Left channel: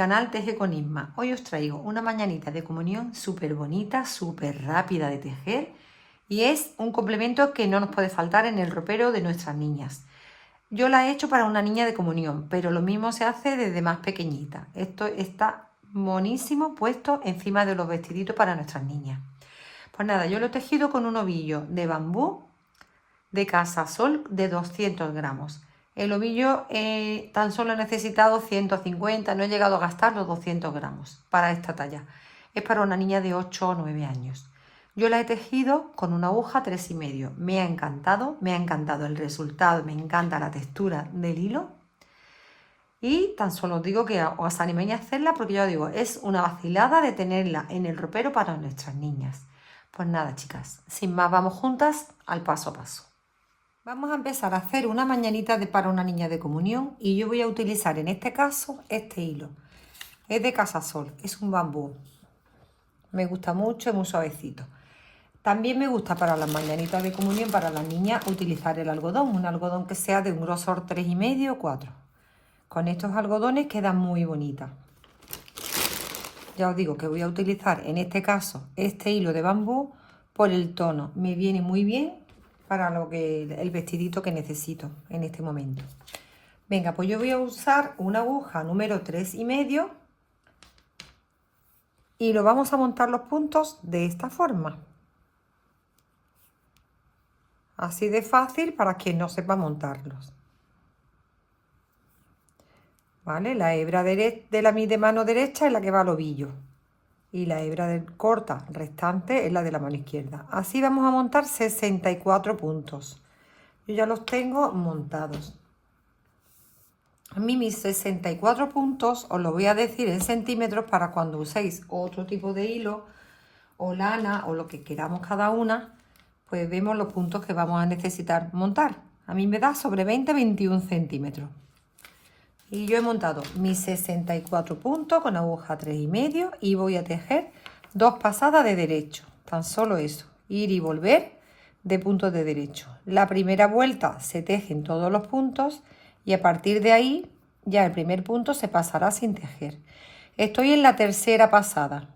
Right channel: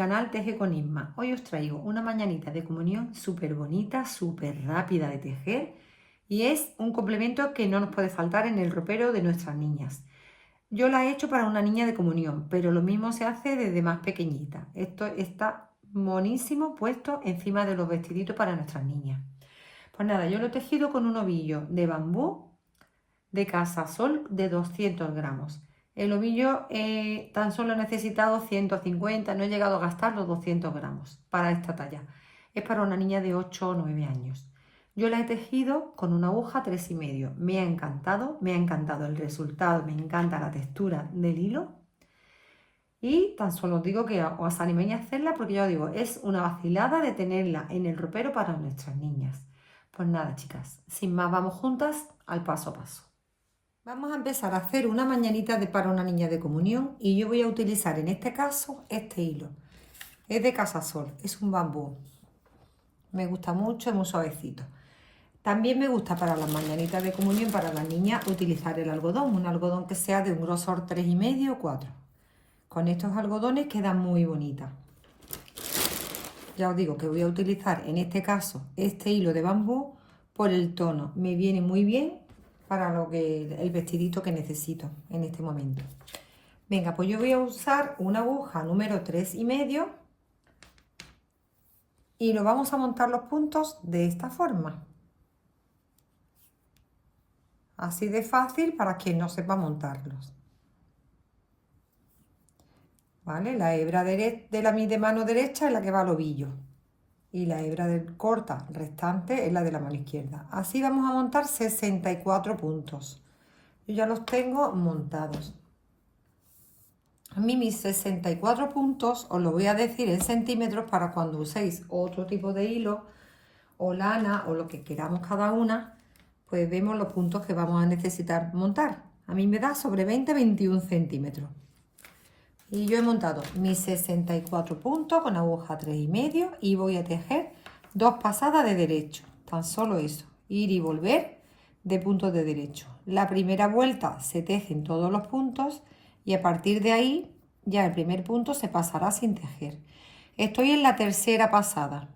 canal Teje con Isma. Hoy os traigo una mañanita de comunión súper bonita, súper rápida de tejer y es un complemento que no nos puede faltar en el ropero de nuestras niñas. Yo la he hecho para una niña de comunión, pero lo mismo se hace desde más pequeñita. Esto está monísimo puesto encima de los vestiditos para nuestras niñas. Pues nada, yo lo he tejido con un ovillo de bambú de Casa Sol de 200 gramos. El ovillo tan solo he necesitado 150, no he llegado a gastar los 200 gramos para esta talla. Es para una niña de 8 o 9 años. Yo la he tejido con una aguja 3,5. Me ha encantado el resultado, me encanta la textura del hilo. Y tan solo os digo que os animéis a hacerla porque yo digo, es una vacilada de tenerla en el ropero para nuestras niñas. Pues nada, chicas, sin más vamos juntas al paso a paso. Vamos a empezar a hacer una mañanita para una niña de comunión y yo voy a utilizar en este caso este hilo. Es de Casa Sol, es un bambú. Me gusta mucho, es muy suavecito. También me gusta para las mañanitas de comunión, para las niñas, utilizar el algodón. Un algodón que sea de un grosor 3,5 o 4. Con estos algodones quedan muy bonitas. Ya os digo que voy a utilizar en este caso este hilo de bambú por el tono. Me viene muy bien para el vestidito que necesito en este momento. Venga, pues yo voy a usar una aguja número 3,5 y lo vamos a montar los puntos de esta forma. Así de fácil para quien no sepa montarlos. ¿Vale? La hebra de mi mano derecha es la que va al ovillo. Y la hebra corta restante es la de la mano izquierda. Así vamos a montar 64 puntos. Yo ya los tengo montados. A mí mis 64 puntos os lo voy a decir en centímetros para cuando uséis otro tipo de hilo o lana o lo que queramos cada una, pues vemos los puntos que vamos a necesitar montar. A mí me da sobre 20-21 centímetros. Y yo he montado mis 64 puntos con aguja 3,5 y voy a tejer 2 pasadas de derecho. Tan solo eso, ir y volver de puntos de derecho. La primera vuelta se tejen todos los puntos y a partir de ahí ya el primer punto se pasará sin tejer. Estoy en la tercera pasada.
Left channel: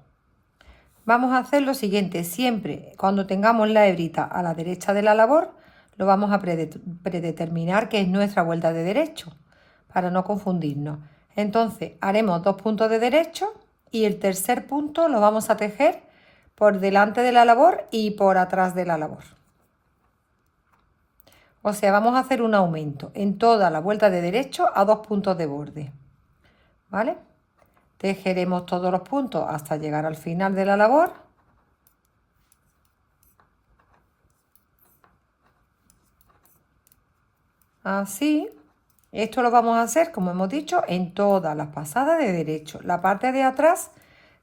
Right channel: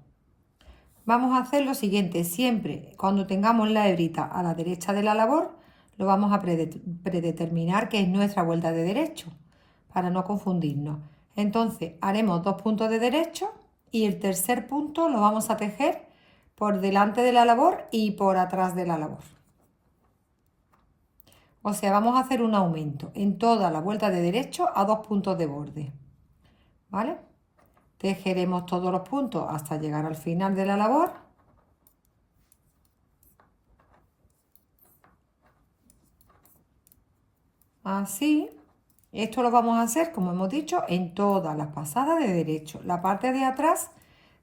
Vamos a hacer lo siguiente, siempre cuando tengamos la hebrita a la derecha de la labor, lo vamos a predeterminar que es nuestra vuelta de derecho, para no confundirnos. Entonces haremos 2 puntos de derecho y el tercer punto lo vamos a tejer por delante de la labor y por atrás de la labor. O sea, vamos a hacer un aumento en toda la vuelta de derecho a 2 puntos de borde. ¿Vale? Tejeremos todos los puntos hasta llegar al final de la labor. Así. Esto lo vamos a hacer, como hemos dicho, en todas las pasadas de derecho. La parte de atrás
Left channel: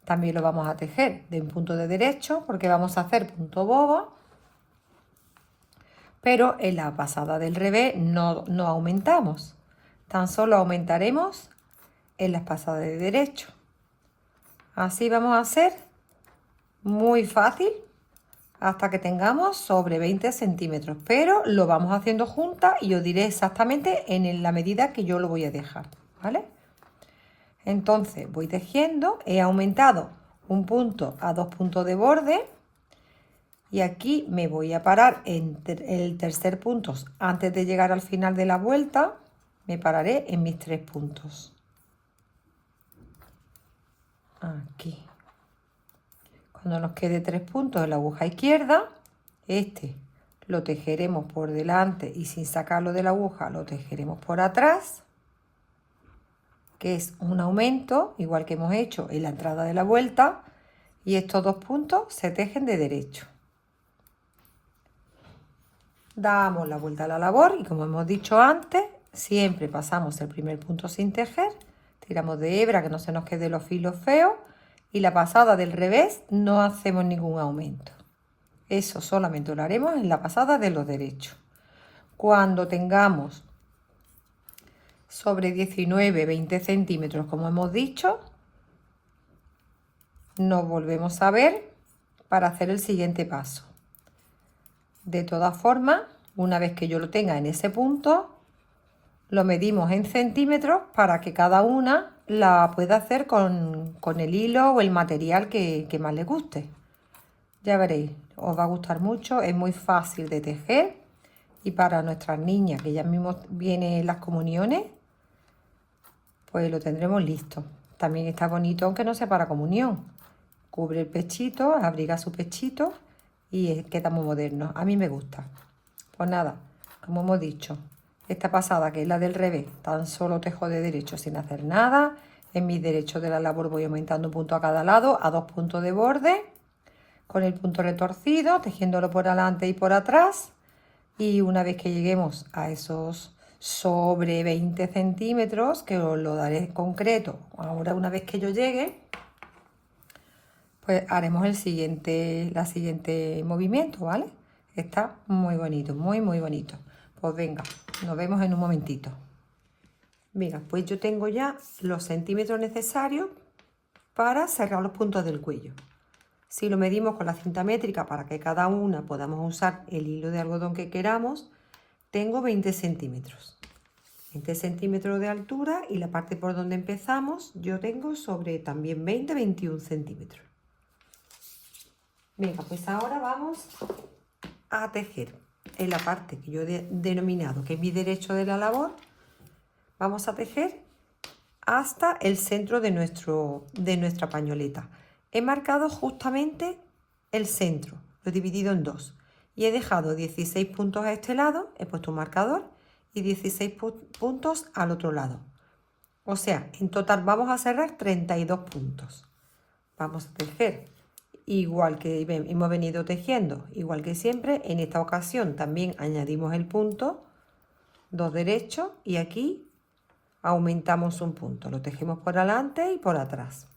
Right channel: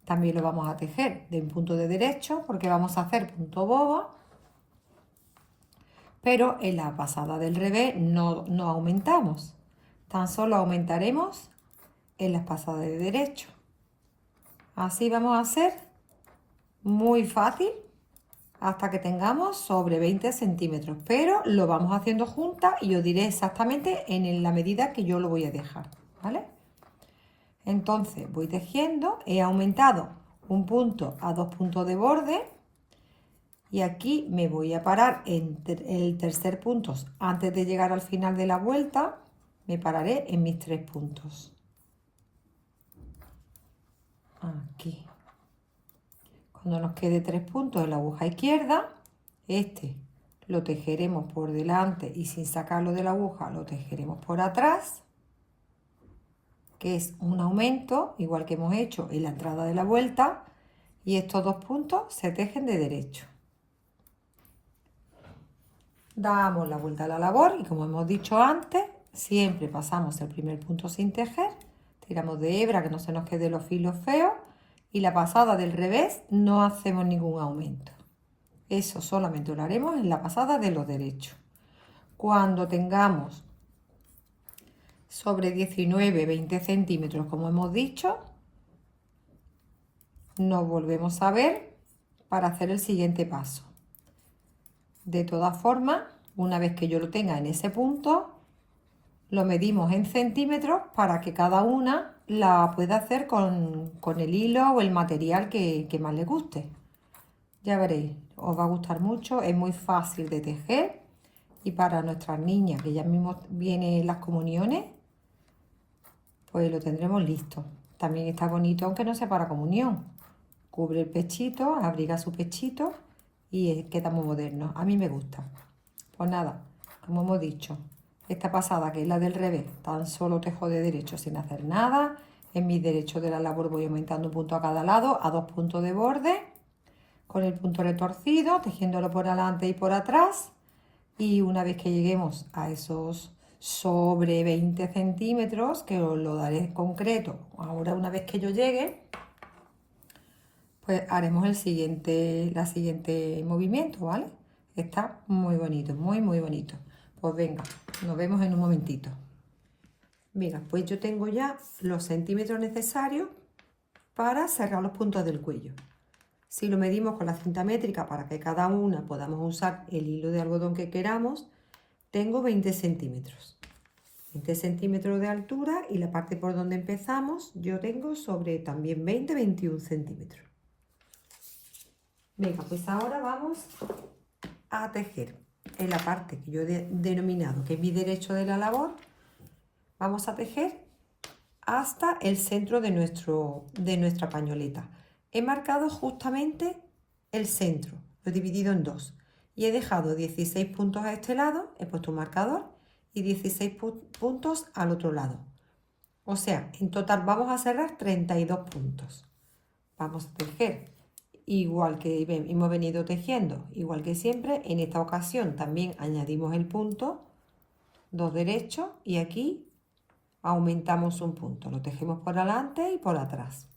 también lo vamos a tejer de un punto de derecho porque vamos a hacer punto bobo. Pero en la pasada del revés no aumentamos. Tan solo aumentaremos en las pasadas de derecho. Así vamos a hacer muy fácil hasta que tengamos sobre 20 centímetros. Pero lo vamos haciendo juntas y os diré exactamente en la medida que yo lo voy a dejar. ¿Vale? Entonces voy tejiendo. He aumentado un punto a 2 puntos de borde. Y aquí me voy a parar en el tercer punto. Antes de llegar al final de la vuelta, me pararé en mis 3 puntos. Aquí. Cuando nos quede 3 puntos en la aguja izquierda, este lo tejeremos por delante y sin sacarlo de la aguja lo tejeremos por atrás, que es un aumento, igual que hemos hecho en la entrada de la vuelta, y estos 2 puntos se tejen de derecho. Damos la vuelta a la labor y como hemos dicho antes, siempre pasamos el primer punto sin tejer, tiramos de hebra que no se nos quede los filos feos y la pasada del revés no hacemos ningún aumento. Eso solamente lo haremos en la pasada de los derechos. Cuando tengamos sobre 19-20 centímetros, como hemos dicho, nos volvemos a ver para hacer el siguiente paso. De todas formas, una vez que yo lo tenga en ese punto, lo medimos en centímetros para que cada una la puede hacer con el hilo o el material que más le guste. Ya veréis, os va a gustar mucho, es muy fácil de tejer y para nuestras niñas, que ya mismo vienen las comuniones, pues lo tendremos listo. También está bonito aunque no sea para comunión. Cubre el pechito, abriga su pechito y queda muy moderno. A mí me gusta. Pues nada, como hemos dicho, esta pasada que es la del revés, tan solo tejo de derecho sin hacer nada. En mi derecho de la labor voy aumentando un punto a cada lado, a 2 puntos de borde, con el punto retorcido, tejiéndolo por adelante y por atrás. Y una vez que lleguemos a esos sobre 20 centímetros, que os lo daré en concreto, ahora una vez que yo llegue, pues haremos la siguiente movimiento, ¿vale? Está muy bonito, muy bonito. Pues venga, nos vemos en un momentito. Mira, pues yo tengo ya los centímetros necesarios para cerrar los puntos del cuello. Si lo medimos con la cinta métrica para que cada una podamos usar el hilo de algodón que queramos, tengo 20 centímetros. 20 centímetros de altura y la parte por donde empezamos yo tengo sobre también 21 centímetros. Venga, pues ahora vamos a tejer en la parte que yo he denominado que es mi derecho de la labor. Vamos a tejer hasta el centro de nuestra pañoleta. He marcado justamente el centro, lo he dividido en dos y he dejado 16 puntos a este lado, he puesto un marcador y 16 puntos al otro lado. O sea, en total vamos a cerrar 32 puntos. Vamos a tejer igual que hemos venido tejiendo, igual que siempre. En esta ocasión también añadimos el punto, 2 derechos y aquí aumentamos un punto. Lo tejemos por delante y por atrás.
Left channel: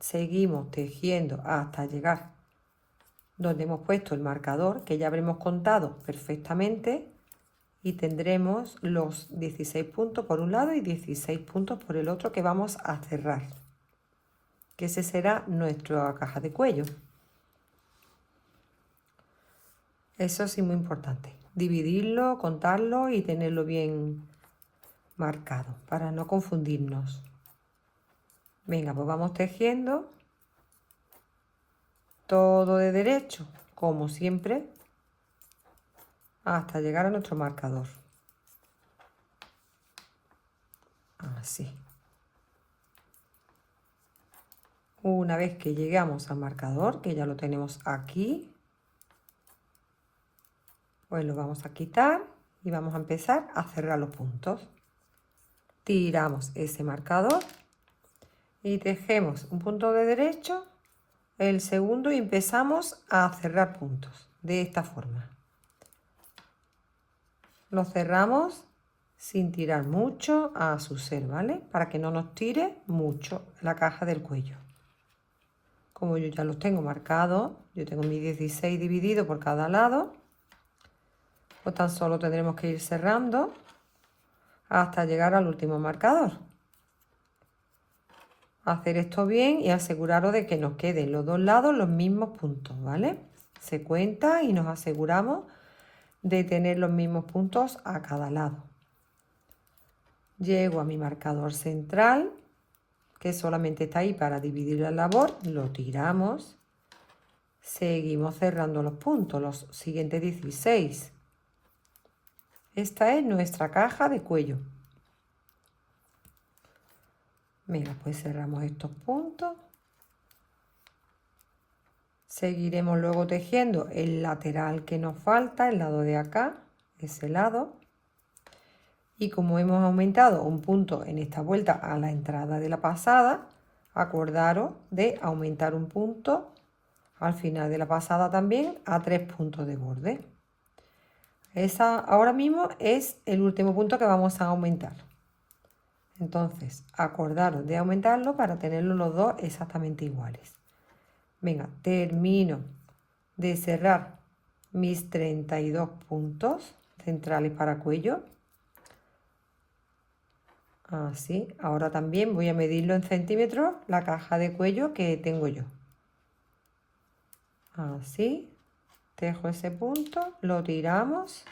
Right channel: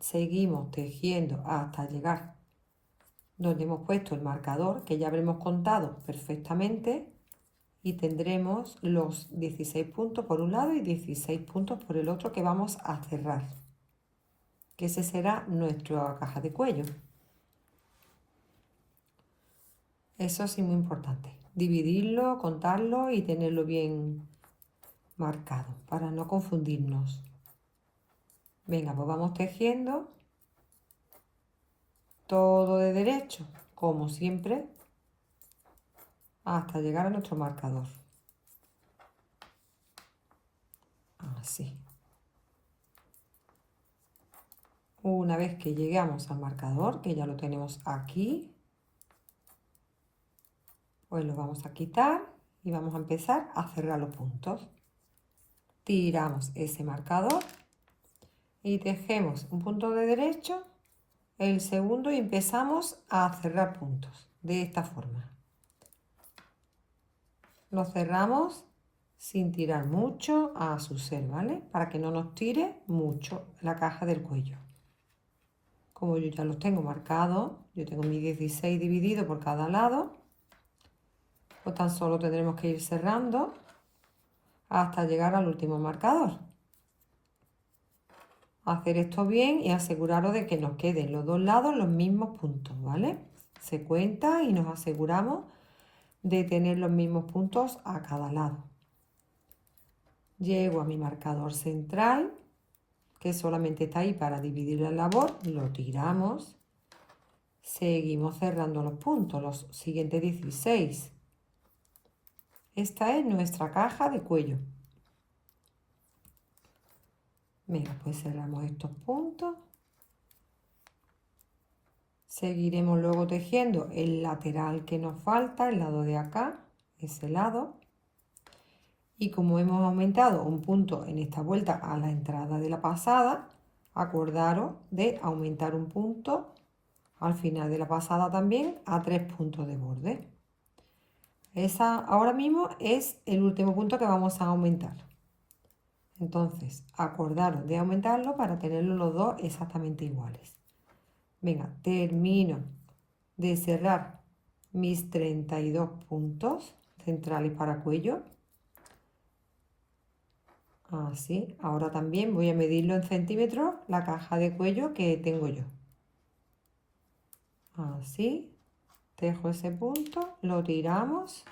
Seguimos tejiendo hasta llegar donde hemos puesto el marcador, que ya habremos contado perfectamente, y tendremos los 16 puntos por un lado y 16 puntos por el otro que vamos a cerrar, que ese será nuestra caja de cuello. Eso sí, muy importante, dividirlo, contarlo y tenerlo bien marcado para no confundirnos. Venga, pues vamos tejiendo todo de derecho, como siempre, hasta llegar a nuestro marcador. Así. Una vez que llegamos al marcador, que ya lo tenemos aquí, pues lo vamos a quitar y vamos a empezar a cerrar los puntos. Tiramos ese marcador y tejemos un punto de derecho, el segundo y empezamos a cerrar puntos de esta forma. Lo cerramos sin tirar mucho a su ser, ¿vale? Para que no nos tire mucho la caja del cuello. Como yo ya los tengo marcados, yo tengo mis 16 divididos por cada lado, pues tan solo tendremos que ir cerrando hasta llegar al último marcador. Hacer esto bien y aseguraros de que nos queden los dos lados los mismos puntos, ¿vale? Se cuenta y nos aseguramos de tener los mismos puntos a cada lado. Llego a mi marcador central, que solamente está ahí para dividir la labor, lo tiramos. Seguimos cerrando los puntos, los siguientes 16. Esta es nuestra caja de cuello. Mira, pues cerramos estos puntos. Seguiremos luego tejiendo el lateral que nos falta, el lado de acá, ese lado. Y como hemos aumentado un punto en esta vuelta a la entrada de la pasada, acordaros de aumentar un punto al final de la pasada también a 3 puntos de borde. Ahora mismo es el último punto que vamos a aumentar. Entonces, acordaros de aumentarlo para tenerlos los dos exactamente iguales. Venga, termino de cerrar mis 32 puntos centrales para cuello. Así, ahora también voy a medirlo en centímetros la caja de cuello que tengo yo. Así, tejo ese punto, lo tiramos.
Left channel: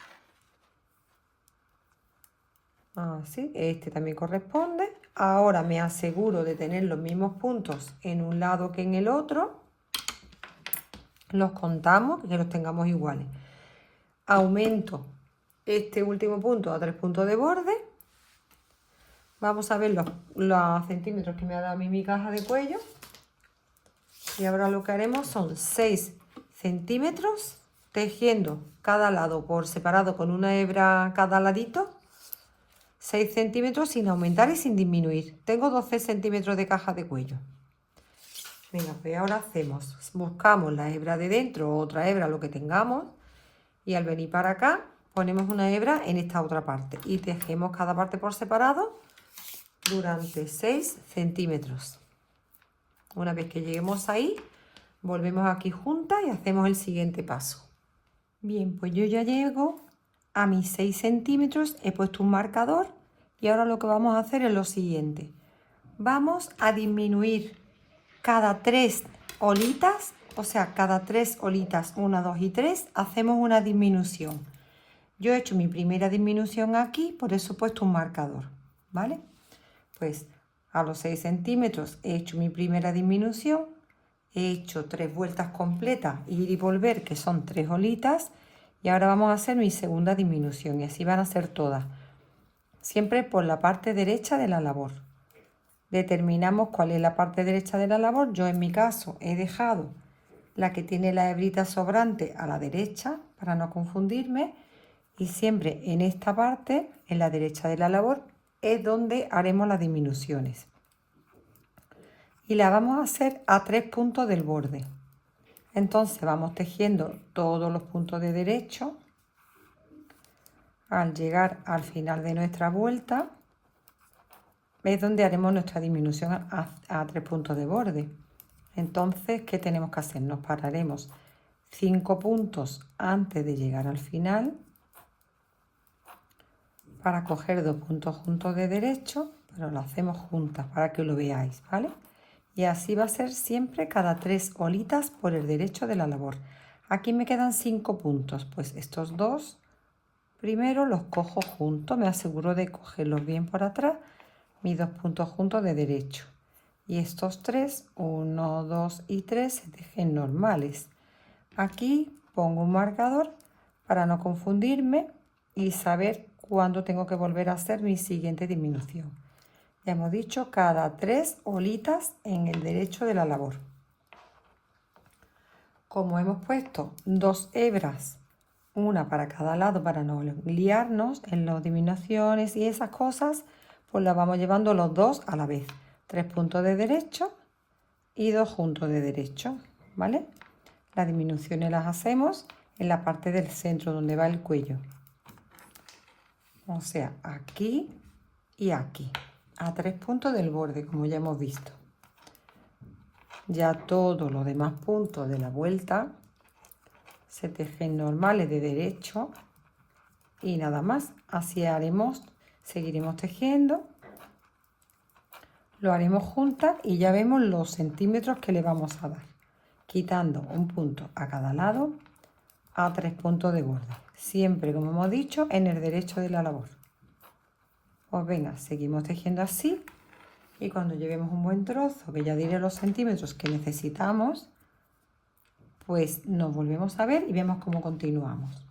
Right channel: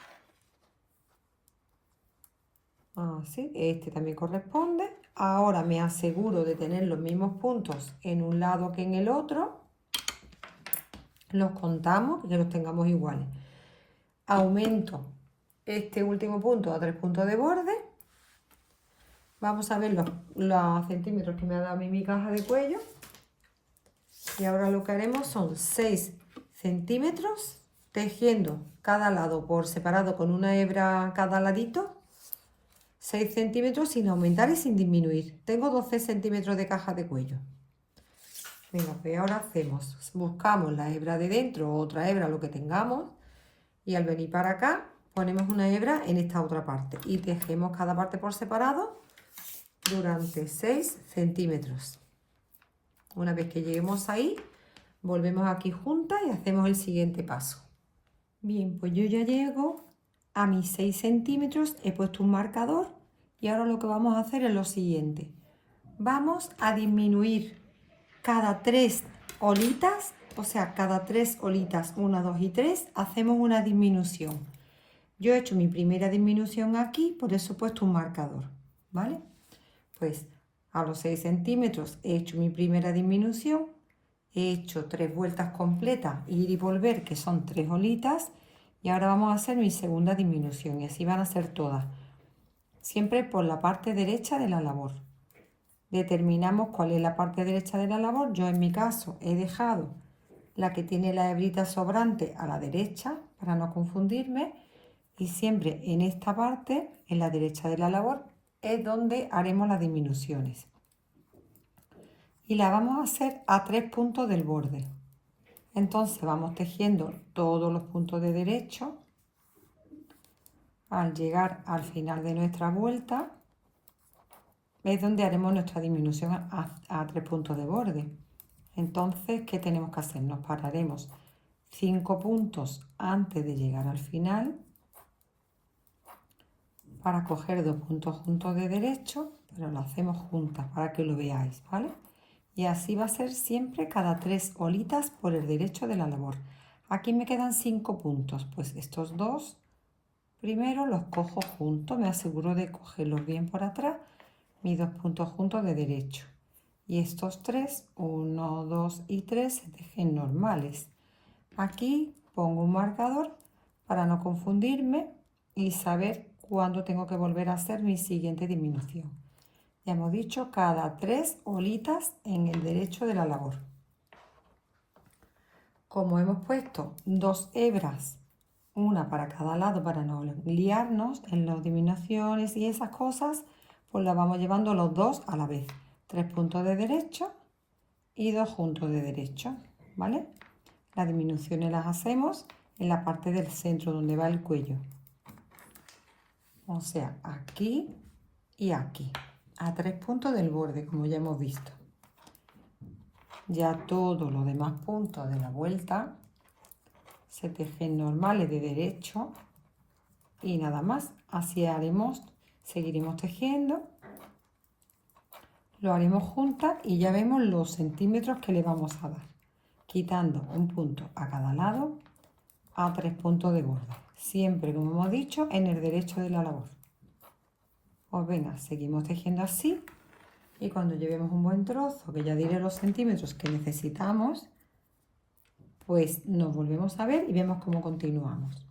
Así, este también corresponde. Ahora me aseguro de tener los mismos puntos en un lado que en el otro. Los contamos y que los tengamos iguales. Aumento este último punto a 3 puntos de borde. Vamos a ver los centímetros que me ha dado a mí mi caja de cuello. Y ahora lo que haremos son 6 centímetros tejiendo cada lado por separado con una hebra cada ladito. 6 centímetros sin aumentar y sin disminuir. Tengo 12 centímetros de caja de cuello. Venga, pues ahora hacemos, buscamos la hebra de dentro o otra hebra, lo que tengamos, y al venir para acá ponemos una hebra en esta otra parte y tejemos cada parte por separado durante 6 centímetros. Una vez que lleguemos ahí, volvemos aquí juntas y hacemos el siguiente paso. Bien, pues yo ya llego a mis 6 centímetros, he puesto un marcador y ahora lo que vamos a hacer es lo siguiente. Vamos a disminuir cada 3 olitas, o sea, cada 3 olitas, 1, 2 y 3, hacemos una disminución. Yo he hecho mi primera disminución aquí, por eso he puesto un marcador, ¿vale? Pues a los 6 centímetros he hecho mi primera disminución, he hecho 3 vueltas completas, ir y volver, que son 3 olitas, y ahora vamos a hacer mi segunda disminución, y así van a ser todas, siempre por la parte derecha de la labor. Determinamos cuál es la parte derecha de la labor. Yo en mi caso he dejado la que tiene la hebrita sobrante a la derecha para no confundirme, y siempre en esta parte, en la derecha de la labor, es donde haremos las disminuciones. Y la vamos a hacer a 3 puntos del borde. Entonces vamos tejiendo todos los puntos de derecho. Al llegar al final de nuestra vuelta, es donde haremos nuestra disminución a 3 puntos de borde. Entonces, ¿qué tenemos que hacer? Nos pararemos 5 puntos antes de llegar al final para coger 2 puntos juntos de derecho, pero lo hacemos juntas para que lo veáis, ¿vale? Y así va a ser siempre cada 3 olitas por el derecho de la labor. Aquí me quedan 5 puntos, pues estos dos primero los cojo juntos, me aseguro de cogerlos bien por atrás, mis 2 puntos juntos de derecho. Y estos 3, 1, 2 y 3, se tejen normales. Aquí pongo un marcador para no confundirme y saber cuándo tengo que volver a hacer mi siguiente disminución. Ya hemos dicho cada 3 olitas en el derecho de la labor. Como hemos puesto 2 hebras, una para cada lado para no liarnos en las disminuciones y esas cosas, pues las vamos llevando los dos a la vez. 3 puntos de derecho y 2 juntos de derecho, ¿vale? Las disminuciones las hacemos en la parte del centro donde va el cuello. O sea, aquí y aquí, a 3 puntos del borde, como ya hemos visto. Ya todos los demás puntos de la vuelta se tejen normales de derecho y nada más. Así haremos, seguiremos tejiendo, lo haremos juntas y ya vemos los centímetros que le vamos a dar, quitando un punto a cada lado a 3 puntos de borde, siempre como hemos dicho en el derecho de la labor. Pues venga, seguimos tejiendo así y cuando llevemos un buen trozo, que ya diré los centímetros que necesitamos, pues nos volvemos a ver y vemos cómo continuamos.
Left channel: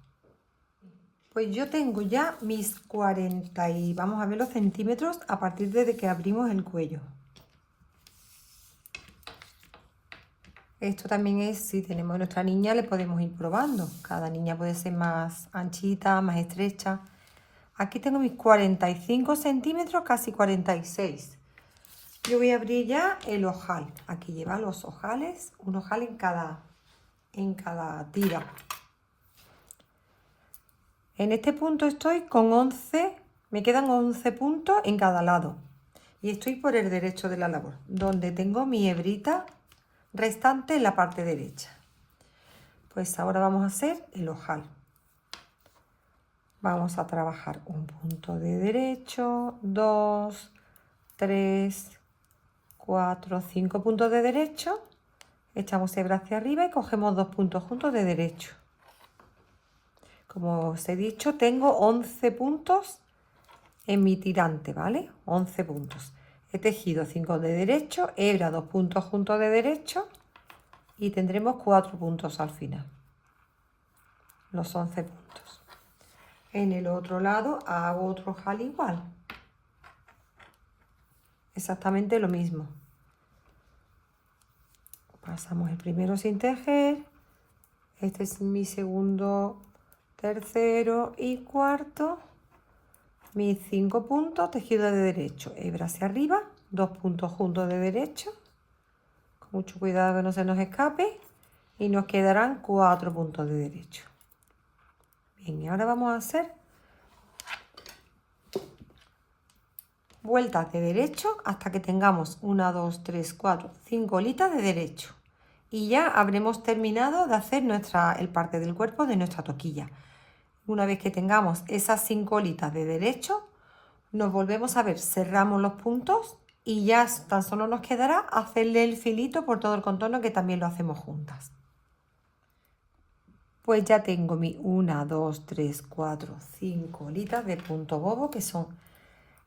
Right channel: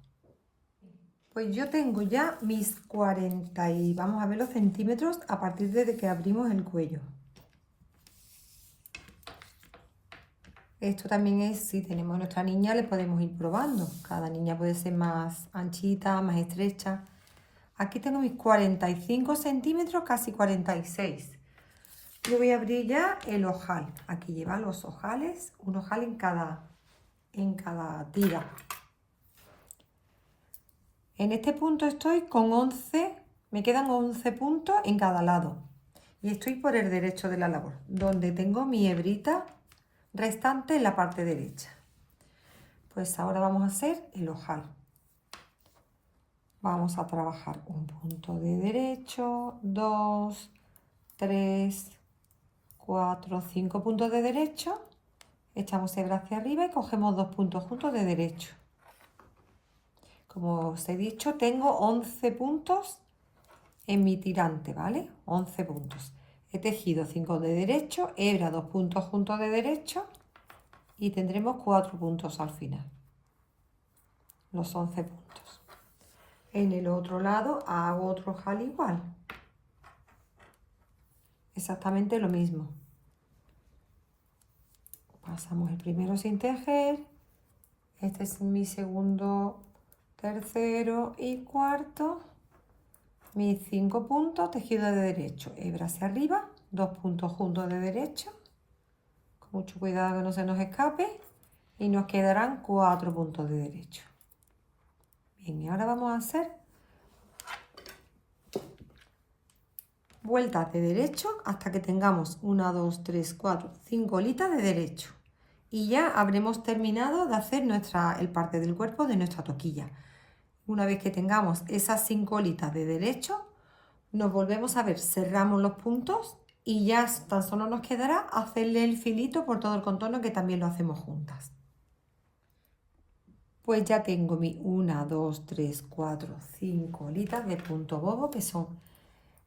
Pues yo tengo ya mis 40 y vamos a ver los centímetros a partir de que abrimos el cuello. Esto también es, si tenemos a nuestra niña, le podemos ir probando. Cada niña puede ser más anchita, más estrecha. Aquí tengo mis 45 centímetros, casi 46. Yo voy a abrir ya el ojal. Aquí lleva los ojales, un ojal en cada tira. En este punto estoy con 11, me quedan 11 puntos en cada lado. Y estoy por el derecho de la labor, donde tengo mi hebrita restante en la parte derecha. Pues ahora vamos a hacer el ojal. Vamos a trabajar un punto de derecho, 2, 3, 4, 5 puntos de derecho. Echamos hebra hacia arriba y cogemos 2 puntos juntos de derecho. Como os he dicho, tengo 11 puntos en mi tirante, ¿vale? 11 puntos. He tejido 5 de derecho, hebra 2 puntos juntos de derecho y tendremos 4 puntos al final. Los 11 puntos. En el otro lado hago otro ojal igual. Exactamente lo mismo. Pasamos el primero sin tejer. Este es mi segundo, tercero y cuarto. Mis 5 puntos, tejido de derecho, hebra hacia arriba, 2 puntos juntos de derecho. Con mucho cuidado que no se nos escape. Y nos quedarán 4 puntos de derecho. Bien, y ahora vamos a hacer vueltas de derecho hasta que tengamos 1, 2, 3, 4, 5 hilitas de derecho. Y ya habremos terminado de hacer el parte del cuerpo de nuestra toquilla. Una vez que tengamos esas 5 hilitas de derecho, nos volvemos a ver, cerramos los puntos y ya tan solo nos quedará hacerle el filito por todo el contorno, que también lo hacemos juntas. Pues ya tengo mi 1, 2, 3, 4, 5 hilitas de punto bobo, que son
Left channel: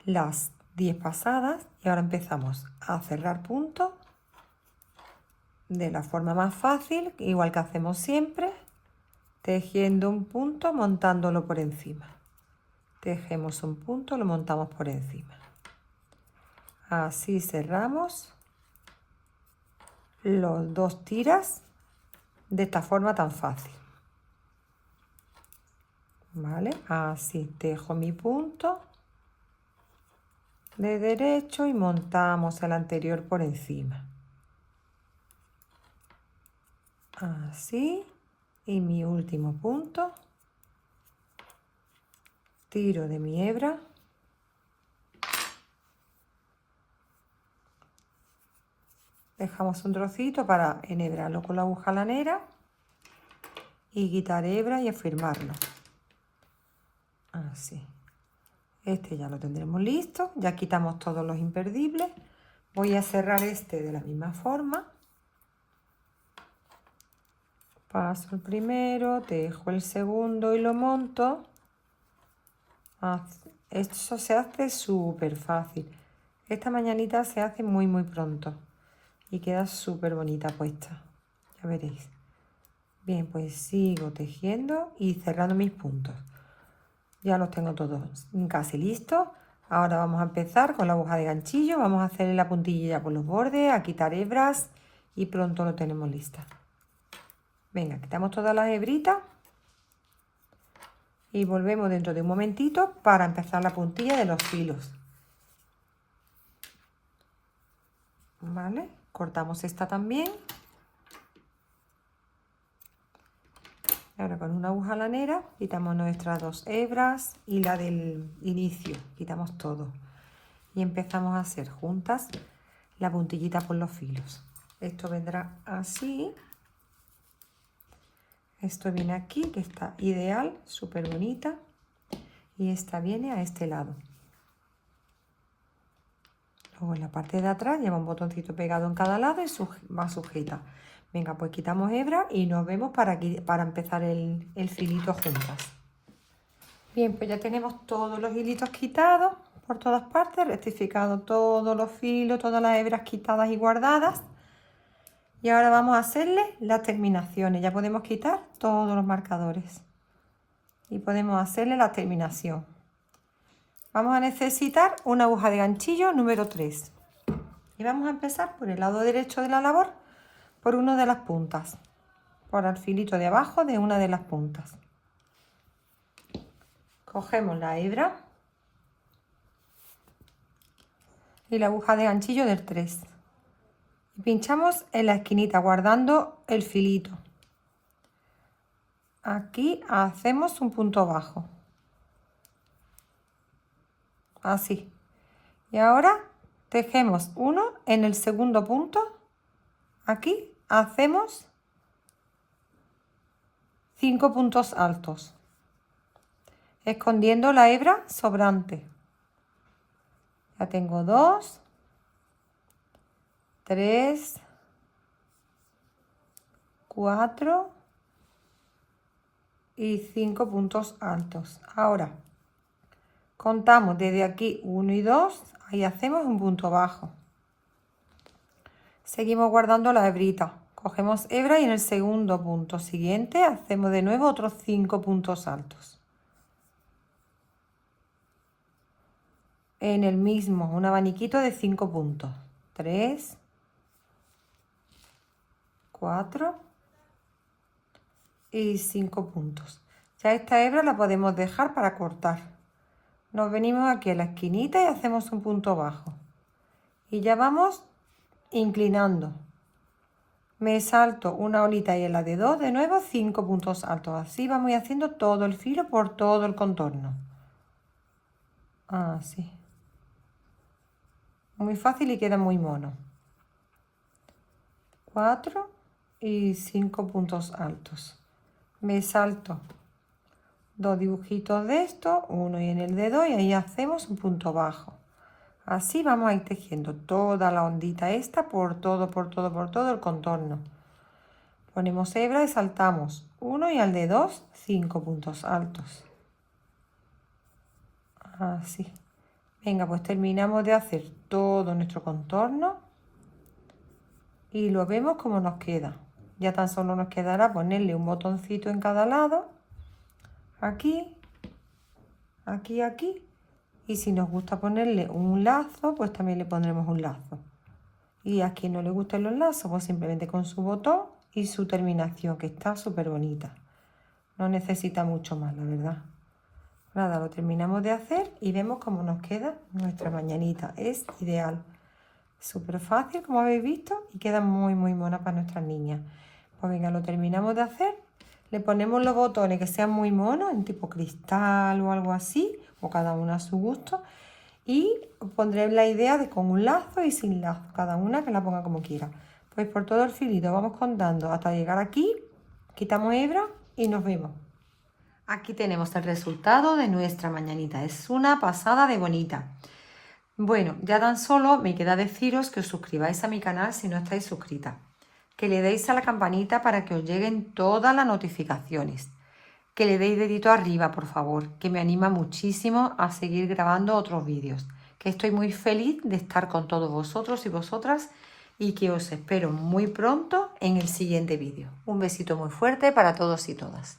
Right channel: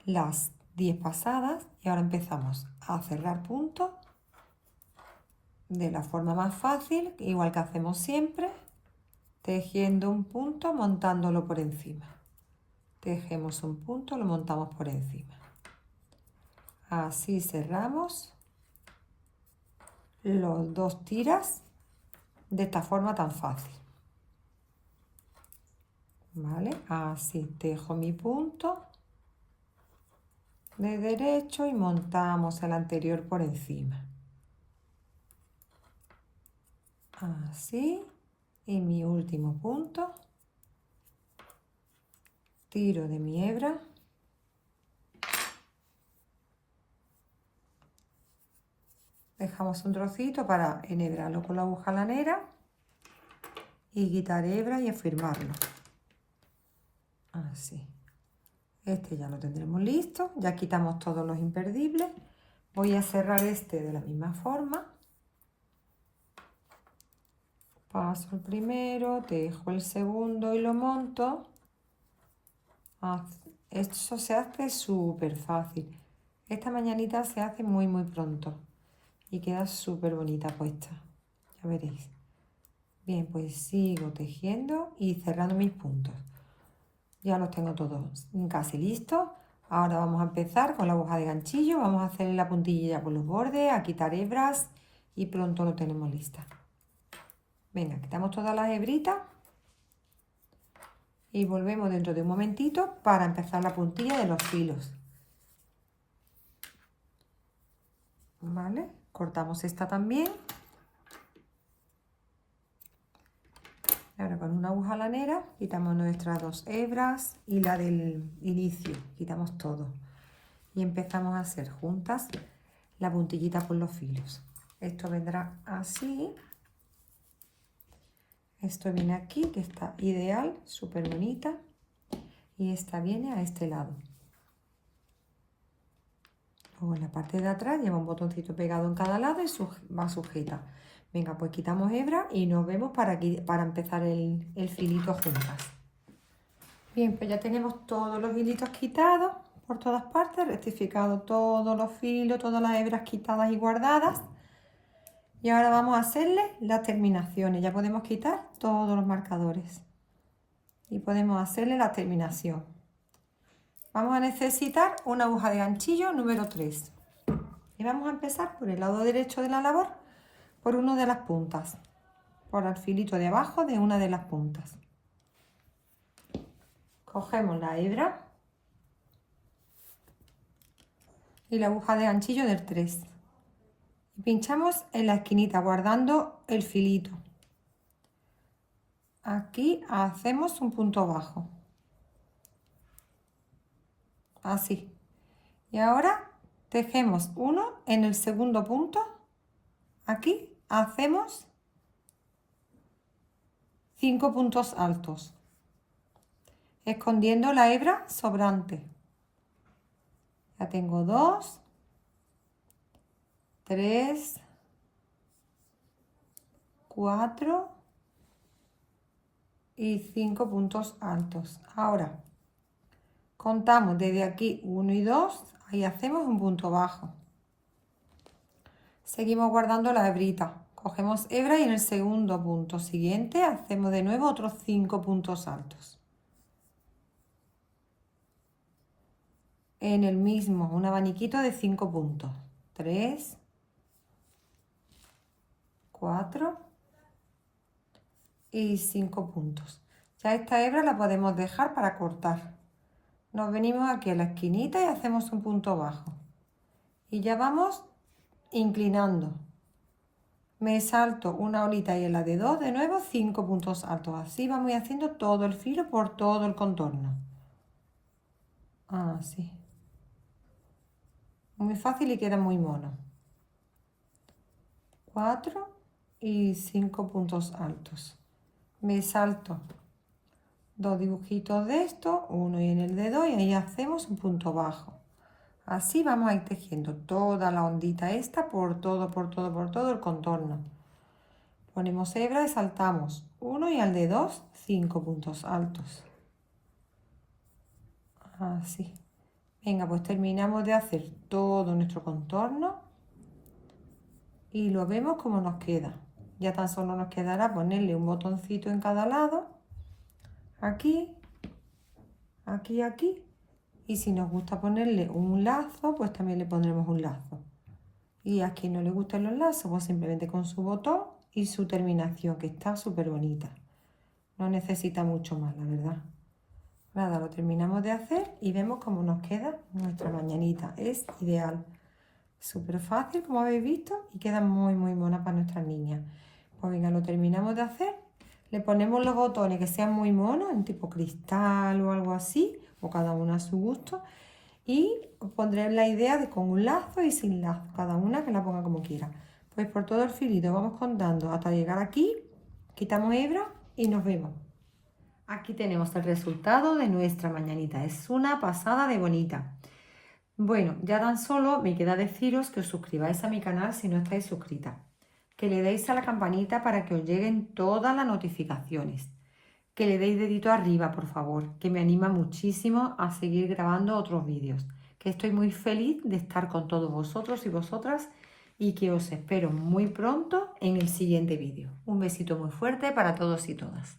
las 10 pasadas, y ahora empezamos a cerrar puntos de la forma más fácil, igual que hacemos siempre, tejiendo un punto, montándolo por encima. Tejemos un punto, lo montamos por encima. Así cerramos los 2 tiras de esta forma tan fácil. ¿Vale? Así tejo mi punto de derecho y montamos el anterior por encima. Así. Y mi último punto. Tiro de mi hebra. Dejamos un trocito para enhebrarlo con la aguja lanera y quitar hebra y afirmarlo. Así. Este ya lo tendremos listo. Ya quitamos todos los imperdibles. Voy a cerrar este de la misma forma. Paso el primero, tejo el segundo y lo monto. Esto se hace súper fácil. Esta mañanita se hace muy pronto y queda súper bonita puesta. Ya veréis. Bien, pues sigo tejiendo y cerrando mis puntos. Ya los tengo todos casi listos. Ahora vamos a empezar con la aguja de ganchillo. Vamos a hacerle la puntilla por los bordes, a quitar hebras y pronto lo tenemos lista. Venga, quitamos todas las hebritas y volvemos dentro de un momentito para empezar la puntilla de los filos. ¿Vale? Cortamos esta también. Ahora con una aguja lanera quitamos nuestras 2 hebras y la del inicio, quitamos todo. Y empezamos a hacer juntas la puntillita por los filos. Esto vendrá así. Esto viene aquí, que está ideal, súper bonita. Y esta viene a este lado. Luego en la parte de atrás lleva un botoncito pegado en cada lado y va sujeta. Venga, pues quitamos hebra y nos vemos para empezar el filito juntas. Bien, pues ya tenemos todos los hilitos quitados por todas partes, rectificado todos los filos, todas las hebras quitadas y guardadas. Y ahora vamos a hacerle las terminaciones. Ya podemos quitar todos los marcadores. Y podemos hacerle la terminación. Vamos a necesitar una aguja de ganchillo número 3. Y vamos a empezar por el lado derecho de la labor, por una de las puntas. Por el filito de abajo de una de las puntas. Cogemos la hebra y la aguja de ganchillo del 3. Y pinchamos en la esquinita guardando el filito. Aquí hacemos un punto bajo. Así. Y ahora tejemos uno en el segundo punto. Aquí hacemos 5 puntos altos, escondiendo la hebra sobrante. Ya tengo 2, 3, 4 y 5 puntos altos. Ahora Contamos desde aquí 1 y 2, ahí hacemos un punto bajo. Seguimos guardando la hebrita. Cogemos hebra y en el segundo punto siguiente hacemos de nuevo otros 5 puntos altos. En el mismo, un abaniquito de 5 puntos. 3, 4 y 5 puntos. Ya esta hebra la podemos dejar para cortar. Nos venimos aquí a la esquinita y hacemos un punto bajo. Y ya vamos inclinando. Me salto una olita y en la de 2 de nuevo 5 puntos altos. Así vamos haciendo todo el filo por todo el contorno. Así. Muy fácil y queda muy mono. 4 y 5 puntos altos. Me salto 2 dibujitos de estos, uno y en el dedo, y ahí hacemos un punto bajo. Así vamos a ir tejiendo toda la ondita esta por todo el contorno. Ponemos hebra y saltamos 1 y al de 2, 5 puntos altos. Así. Venga, pues terminamos de hacer todo nuestro contorno y lo vemos como nos queda. Ya tan solo nos quedará ponerle un botoncito en cada lado, aquí, aquí, aquí. Y si nos gusta ponerle un lazo, pues también le pondremos un lazo. Y a quien no le gusten los lazos, pues simplemente con su botón y su terminación, que está súper bonita. No necesita mucho más, la verdad. Nada, lo terminamos de hacer y vemos cómo nos queda nuestra mañanita. Es ideal. Súper fácil, como habéis visto, y queda muy, muy mona para nuestras niñas. Pues venga, lo terminamos de hacer. Le ponemos los botones que sean muy monos, en tipo cristal o algo así, o cada una a su gusto. Y os pondré la idea de con un lazo y sin lazo, cada una que la ponga como quiera. Pues por todo el filito vamos contando hasta llegar aquí, quitamos hebra y nos vemos. Aquí tenemos el resultado de nuestra mañanita. Es una pasada de bonita. Bueno, ya tan solo me queda deciros que os suscribáis a mi canal si no estáis suscritas. Que le deis a la campanita para que os lleguen todas las notificaciones. Que le deis dedito arriba, por favor, que me anima muchísimo a seguir grabando otros vídeos. Que estoy muy feliz de estar con todos vosotros y vosotras y que os espero muy pronto en el siguiente vídeo. Un besito muy fuerte para todos y todas.